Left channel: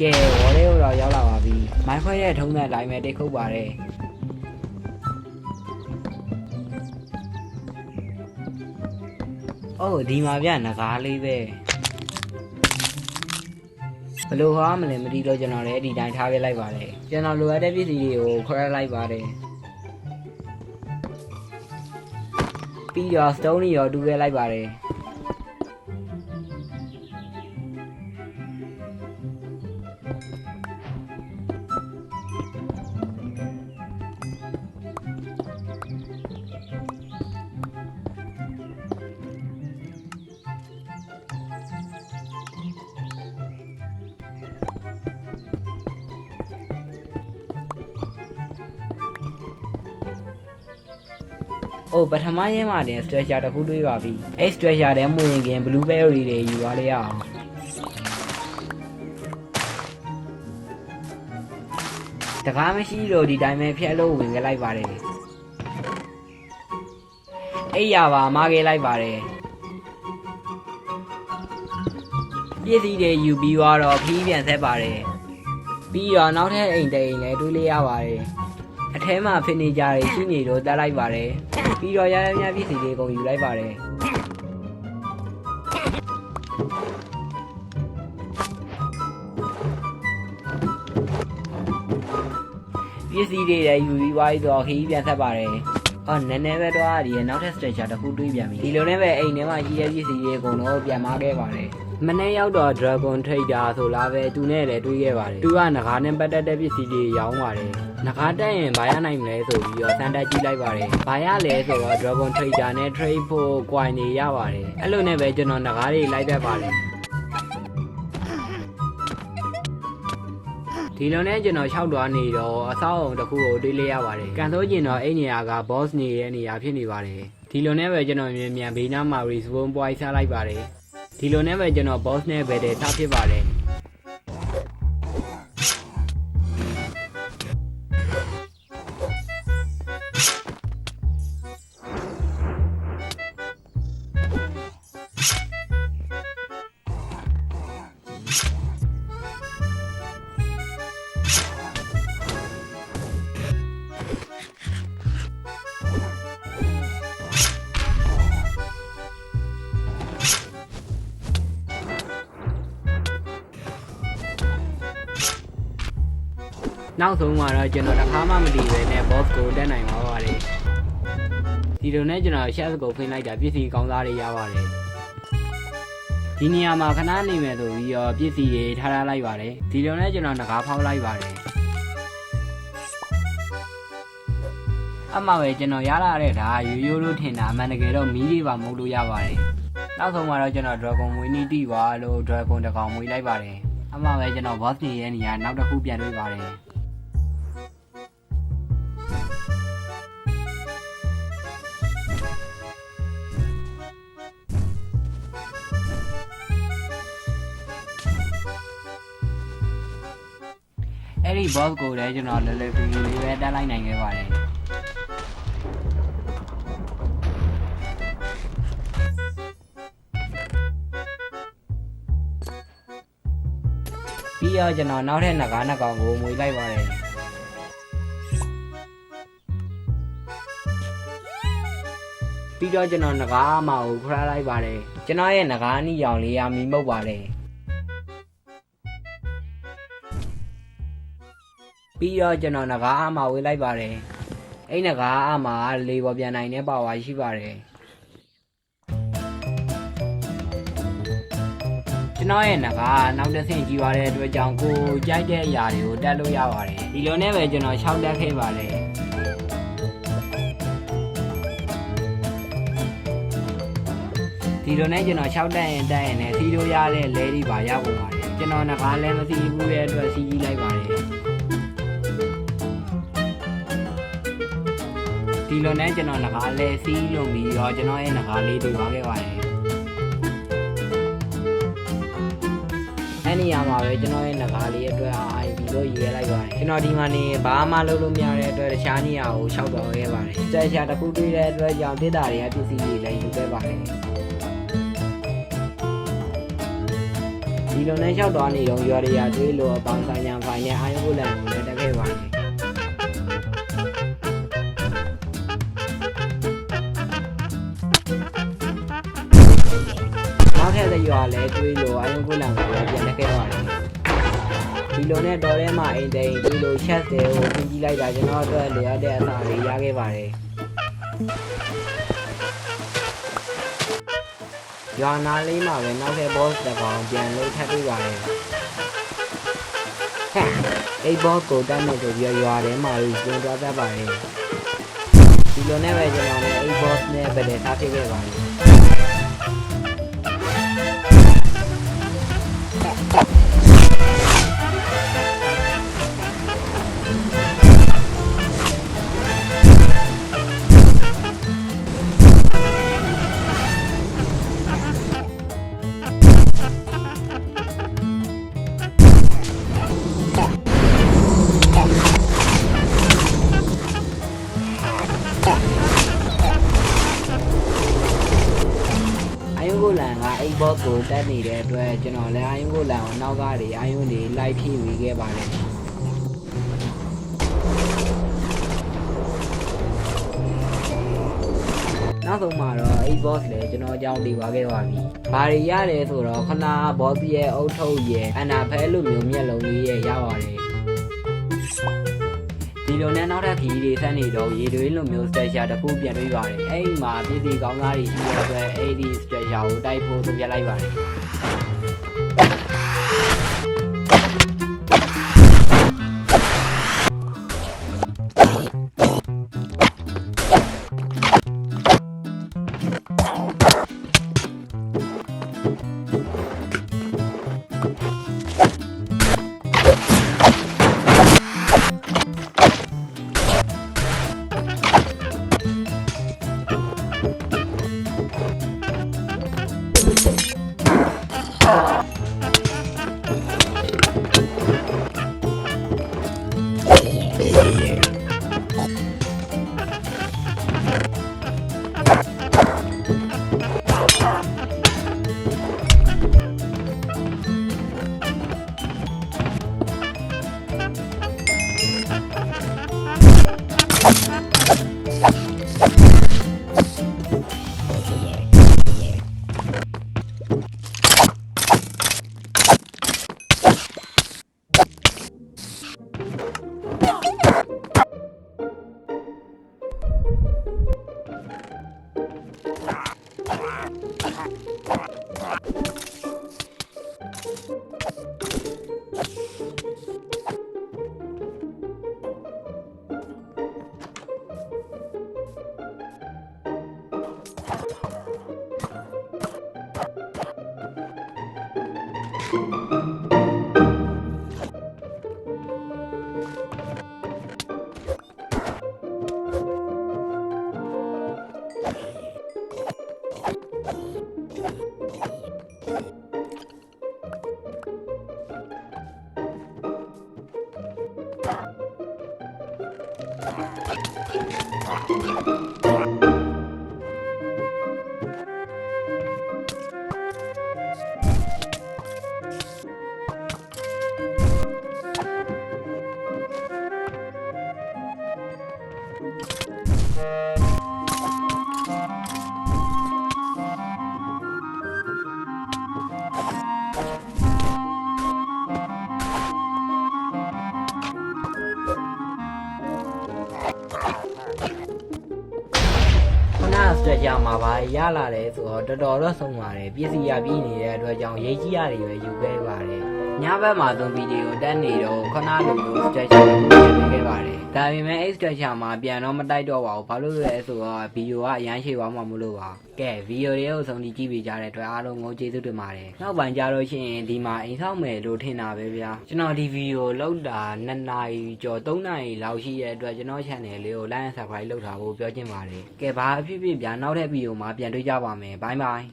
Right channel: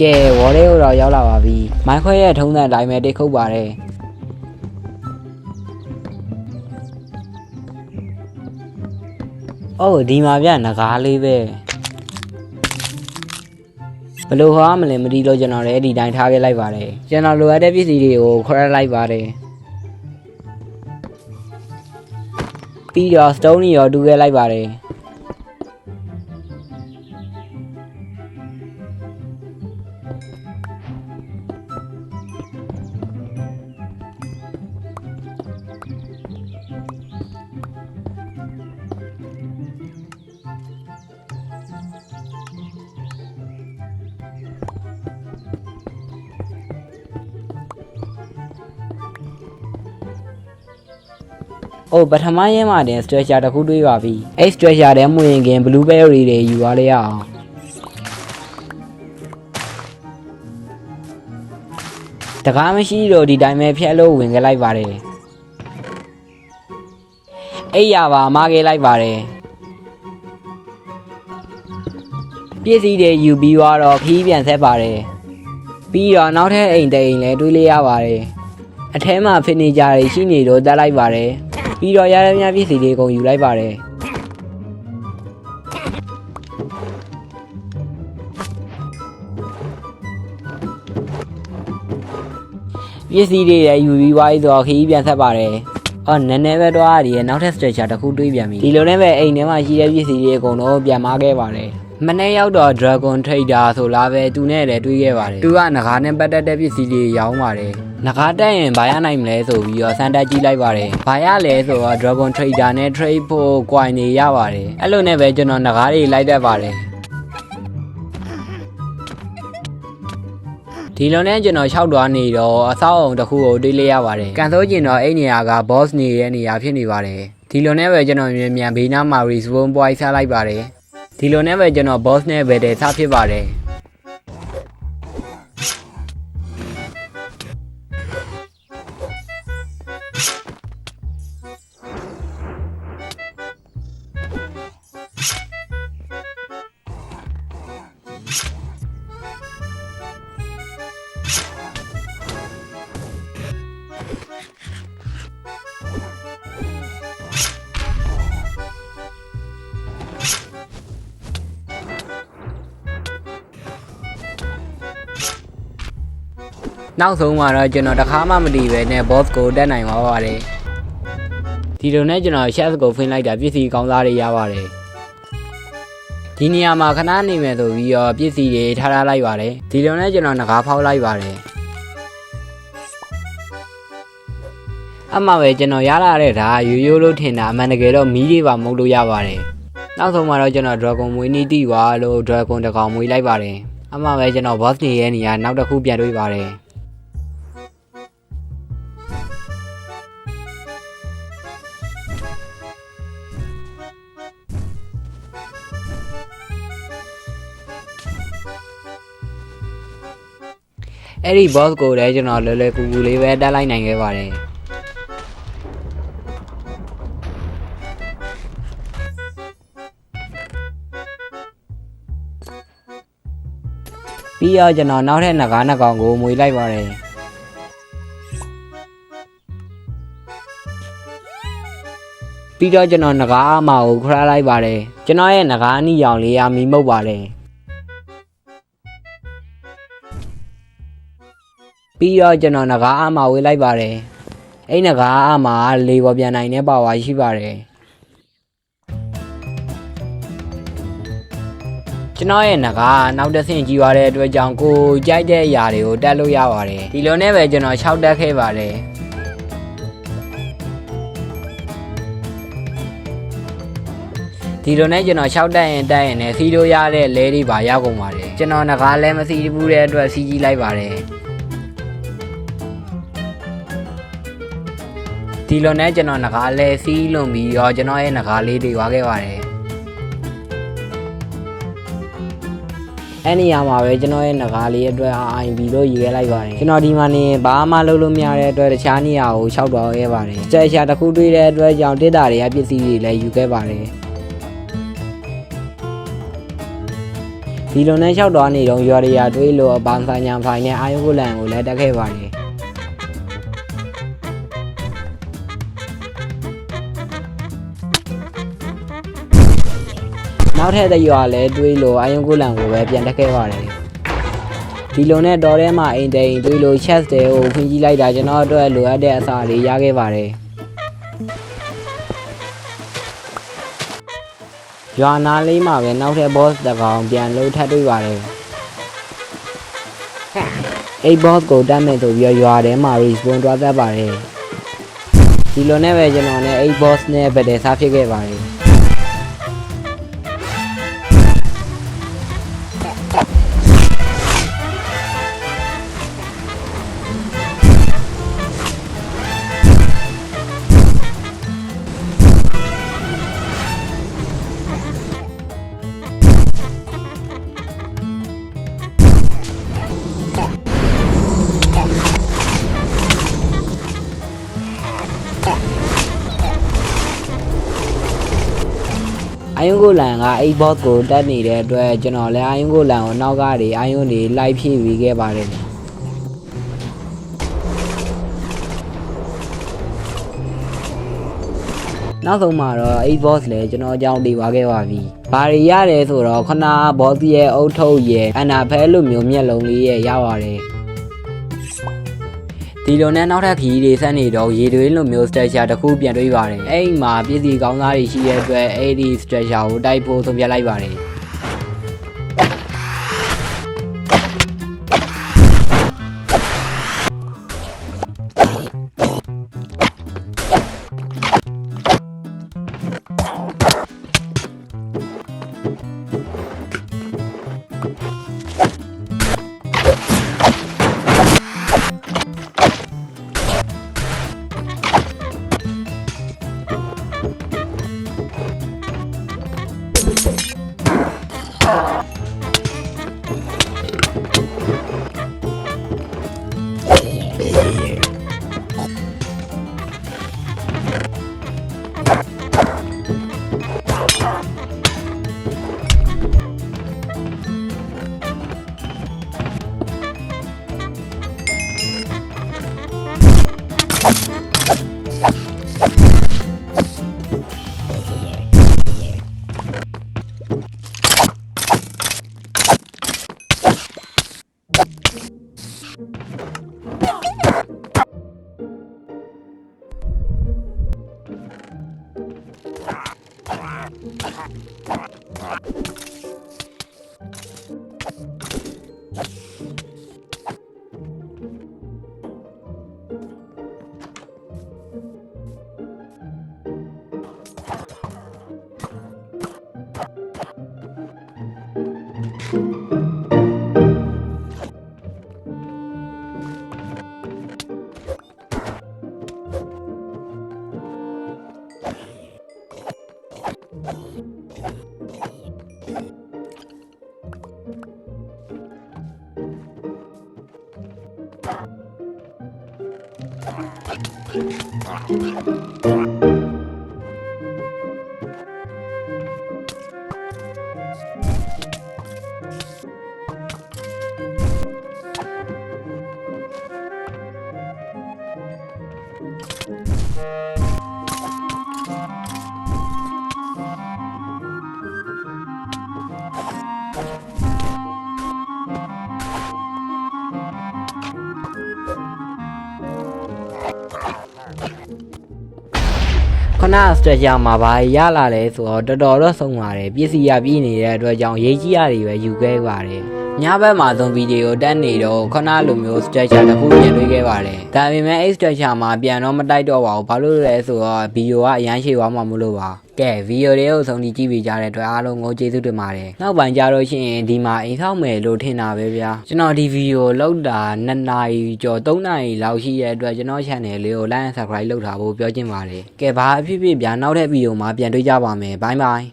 ကဲဝေါ်လေးကိုတော့ရောက်လာပါပြီမိုင်းခွဲရဲ့ထုံးတဲ့အတိုင်းပဲတိတ်ခုတ်ပါတယ်အိုးဒီမှာဗျငကားလေးပဲဘလို့ဟောမလဲမတီးလို့ကျွန်တော်လည်းဒီတိုင်းထားခဲ့လိုက်ပါတယ်ကျွန်တော်လိုအပ်တဲ့ပစ္စည်းတွေကိုခွဲလိုက်ပါတယ်ပြီးတော့ stone ရောတူခဲ့လိုက်ပါတယ်အိုးပထမရဲမှာတင် stretcher တစ်ခုတွေးပါပြီအဲ့ stretcher ထဲမှုရင်ခင် blueberry တွေယူသွားလိုက်အောင်တကားမရှိတော့ဒီတိုင်းပဲဖျက်လို့ဝင်ခဲ့လိုက်ပါတယ်အဲ့ရပါမခဲ့လိုက်ပါတယ်ပစ္စည်းတွေယူပြီးတော့ခီးပြန်ဆက်ပါတယ်ပြီးတော့နောက်ထပ်အိမ်တိမ်လည်းတွေးလိုက်ရပါတယ်အထဲမှာဖစ်နေကြတွေရှိနေတော့တက်လိုက်ပါတယ်ပြီးတော့ရရမြပစ္စည်းတွေကုန်ယူလိုက်ပါတယ်ပစ္စည်းတွေရယူပြီးွားပြီးတော့ခီးပြန်ဆက်ပါတယ်အော်နည်းနည်းပဲတော့ရည်နောက်ထပ် stretcher တစ်ခုတွေးပြန်ပြီဒီလိုနဲ့ပဲအိမ်ထဲမှာရှိတဲ့ပစ္စည်းတွေအကုန်လုံးပြန်မားခဲ့ပါတယ်မနေ့ရောက်တော့ Dragon Trader ဆိုလားပဲသူနဲ့လည်းတွေးခဲ့ပါတယ်သူကငကားနဲ့ပတ်သက်တဲ့ပစ္စည်းတွေရောင်းပါတယ်ငကားတက်ရင်ဘာရနိုင်မလဲဆိုပြီးတော့စမ်းတက်ကြည့်လိုက်ပါတယ်ဘာရလဲဆိုတော့ Dragon Trader နဲ့ trade ဖို့ coin တွေရပါတယ်အဲ့လိုနဲ့ပဲကျွန်တော်ငကားတွေလိုက်တတ်ပါတယ်ဒီလိုနဲ့ကျွန်တော်လျှောက်သွားနေတော့အဆောက်အုံတစ်ခုကိုတွေးလိုက်ရပါတယ်ကန်ဆိုးကျင်တော့အဲ့နေရာက boss နေတဲ့နေရာဖြစ်နေပါတယ်ဒီလိုနဲ့ပဲကျွန်တော်မြန်ဘေးနားမှာ respawn point ဆက်လိုက်ပါတယ်ဒီလိုနဲ့ပဲကျွန်တော် boss နဲ့ပဲတဲ့ထားဖြစ်ပါတယ်နောက်ဆုံးမှာတော့ကျွန်တော်တခါမှမတည်ပဲနဲ့ boss ကိုတက်နိုင်ပါပါတယ်ဒီလိုနဲ့ကျွန်တော် chef ကိုဖွင့်လိုက်တာပစ္စည်းကောင်းစားတွေရပါတယ်ဒီနေရာမှာခဏနေမယ်ဆိုပြီးတော့ပစ္စည်းတွေထားလိုက်ပါတယ်ဒီလိုနဲ့ကျွန်တော်ငကားဖောက်လိုက်ပါတယ်အမှပဲကျွန်တော်ရလာတဲ့ဒါရိုးရိုးလို့ထင်တာအမှန်တကယ်တော့မီးတွေပါမဟုတ်လို့ရပါတယ်နောက်ဆုံးမှာတော့ကျွန်တော် dragon မွေးနေတီးွာလို့ dragon တစ်ကောင်မွေးလိုက်ပါတယ်အမှပဲကျွန်တော် boss နေရဲ့နေရာနောက်တစ်ခုပြန်တွေ့ပါတယ်အဲ့ဒီ boss ကိုလည်းကျွန်တော်လွယ်လွယ်ကူကူလေးပဲတက်လိုက်နိုင်ခဲ့ပါတယ်ပြီးတော့ကျွန်တော်နောက်ထပ်ငကားနှစ်ကောင်ကိုမွေလိုက်ပါတယ်ပြီးတော့ကျွန်တော်ငကားအမကိုခရလိုက်ပါတယ်ကျွန်တော်ရဲ့ငကားအနီရောင်လေးအမီမုတ်ပါတယ်ပြီးတော့ကျွန်တော်ငကားအမဝေးလိုက်ပါတယ်အဲ့ငကားအမလေပေါ်ပြန်နိုင်တဲ့ပါဝါရှိပါတယ်ကျွန်တော်ရဲ့ငကားနောက်တစ်ဆင့်ကြီးသွားတဲ့အတွက်ကြောင့်ကိုကြိုက်တဲ့အရာတွေကိုတက်လို့ရပါတယ်ဒီလိုနဲ့ပဲကျွန်တော်6တက်ခဲ့ပါတယ်ဒီလိုနဲ့ကျွန်တော်6တက်ရင်နဲ့စီးလို့ရတဲ့လဲတွေပါရောက်ကုန်ပါတယ်ကျွန်တော်ငကားလည်းမစီးဘူးတဲ့အတွက်စီးကြီးလိုက်ပါတယ်ဒီလိုနဲ့ကျွန်တော်ငကားလဲစီးလွန်ပြီးတော့ကျွန်တော်ရဲ့ငကားလေးတွေွားခဲ့ပါတယ်အဲ့နေရာမှာပဲကျွန်တော်ရဲ့ငကားလေးအတွက် IB လို့ယူရလိုက်ပါတယ်ကျွန်တော်ဒီမှာနေဘာမှလုပ်လို့မရတဲ့အတွက်တခြားနေရာကိုရှောက်သွားခဲ့ပါတယ်စတက်ရှာတစ်ခုတွေ့တဲ့အတွက်ကြောင့်တစ်တာတွေကပစ္စည်းတွေလည်းယူခဲ့ပါတယ် ဒီလိုနဲ့လျှောက်သွားနေတော့ရွာရတွေးလို့ဘာဆိုင်ညာဖိုင်နဲ့အာယုကိုလန်ကိုလည်းတက်ခဲ့ပါတယ်နောက်ထပ်တဲ့ရွာလည်းတွေးလို့အာယုကိုလန်ကိုပဲပြန်တက်ခဲ့ပါတယ်ဒီလိုနဲ့တော်ထဲမှာအိမ်တိန်တွေးလို့ chat တွေကိုပြင်ကြည့်လိုက်တာကျွန်တော်အတွက်လိုအပ်တဲ့အစာတွေရခဲ့ပါတယ်ရွာနာလေးမှာပဲနောက်ထပ် boss တစ်ကောင်ပြန်လို့ထပ်တွေ့ပါတယ်အဲ့ boss ကိုတတ်နေဆိုပြီးရွာထဲမှာကြီးပြန်သွားတတ်ပါတယ်ဒီလိုနဲ့ပဲကျွန်တော်လည်းအဲ့ boss နဲ့ပဲတည်းစားဖြစ်ခဲ့ပါတယ်အာယုကိုလန်ကအဲ့ boss ကိုတက်နေတဲ့အတွက်ကျွန်တော်လည်းအာယုကိုလန်ကိုနောက်ကားတွေအာယုတွေလိုက်ဖြည့်ပြီးခဲ့ပါတယ်နောက်ဆုံးမှာတော့အဲ့ boss လည်းကျွန်တော်အကြောင်းသိသွားခဲ့ပါပြီ။ဘာတွေရတယ်ဆိုတော့ခဏ boss ရဲ့အုတ်ထုတ်ရဲ့အနာဖဲလိုမျိုးမျက်လုံးလေးရဲ့ရပါတယ်။ဒီလိုနဲ့နောက်ထပ်ခီးတွေဆက်နေတော့ရေတွေလိုမျိုး structure တစ်ခုပြန်တွေးပါတယ်။အဲ့မှာပြည်စီကောင်းသားတွေရှိတဲ့အတွက်အဲ့ဒီ structure ကိုတိုက်ဖို့ဆုံးဖြတ်လိုက်ပါတယ်။ခဏ structure မှာဘာရလာလဲဆိုတော့တော်တော့ဆုံးပါတယ်ပြည့်စည်ရပြည့်နေတဲ့အတွက်ကြောင့်ရေးကြီးရတယ်ပဲယူခဲ့ပါတယ်ညဘက်မှာသုံးဗီဒီယိုတက်နေတော့ခဏလိုမျိုး structure တစ်ခုပြန်တွေ့ခဲ့ပါတယ်ဒါပေမဲ့ structure မှာပြန်တော့မတိုက်တော့ပါဘူးဘာလို့လဲဆိုတော့ဗီဒီယိုကအရန်ရှည်သွားမှာမလို့ပါကဲဗီဒီယိုလေးကိုဆုံးဖြတ်ကြည့်ပေးကြတဲ့အတွက်အားလုံးကိုကျေးဇူးတင်ပါတယ်နောက်ပိုင်းကြတော့ရှင်ဒီမှာအိမ်ဆောက်မယ်လို့ထင်တာပဲဗျာကျွန်တော်ဒီဗီဒီယိုလောက်တာ2နာရီကျော်3နာရီလောက်ရှိတဲ့အတွက်ကျွန်တော် channel လေးကို like and subscribe လုပ်ထားဖို့ပြောချင်ပါတယ်ကဲဘာအဖြစ်ဖြစ်ဗျာနောက်တဲ့ဗီဒီယိုမှာပြန်တွေ့ကြပါမယ်ဘိုင်းဘိုင်း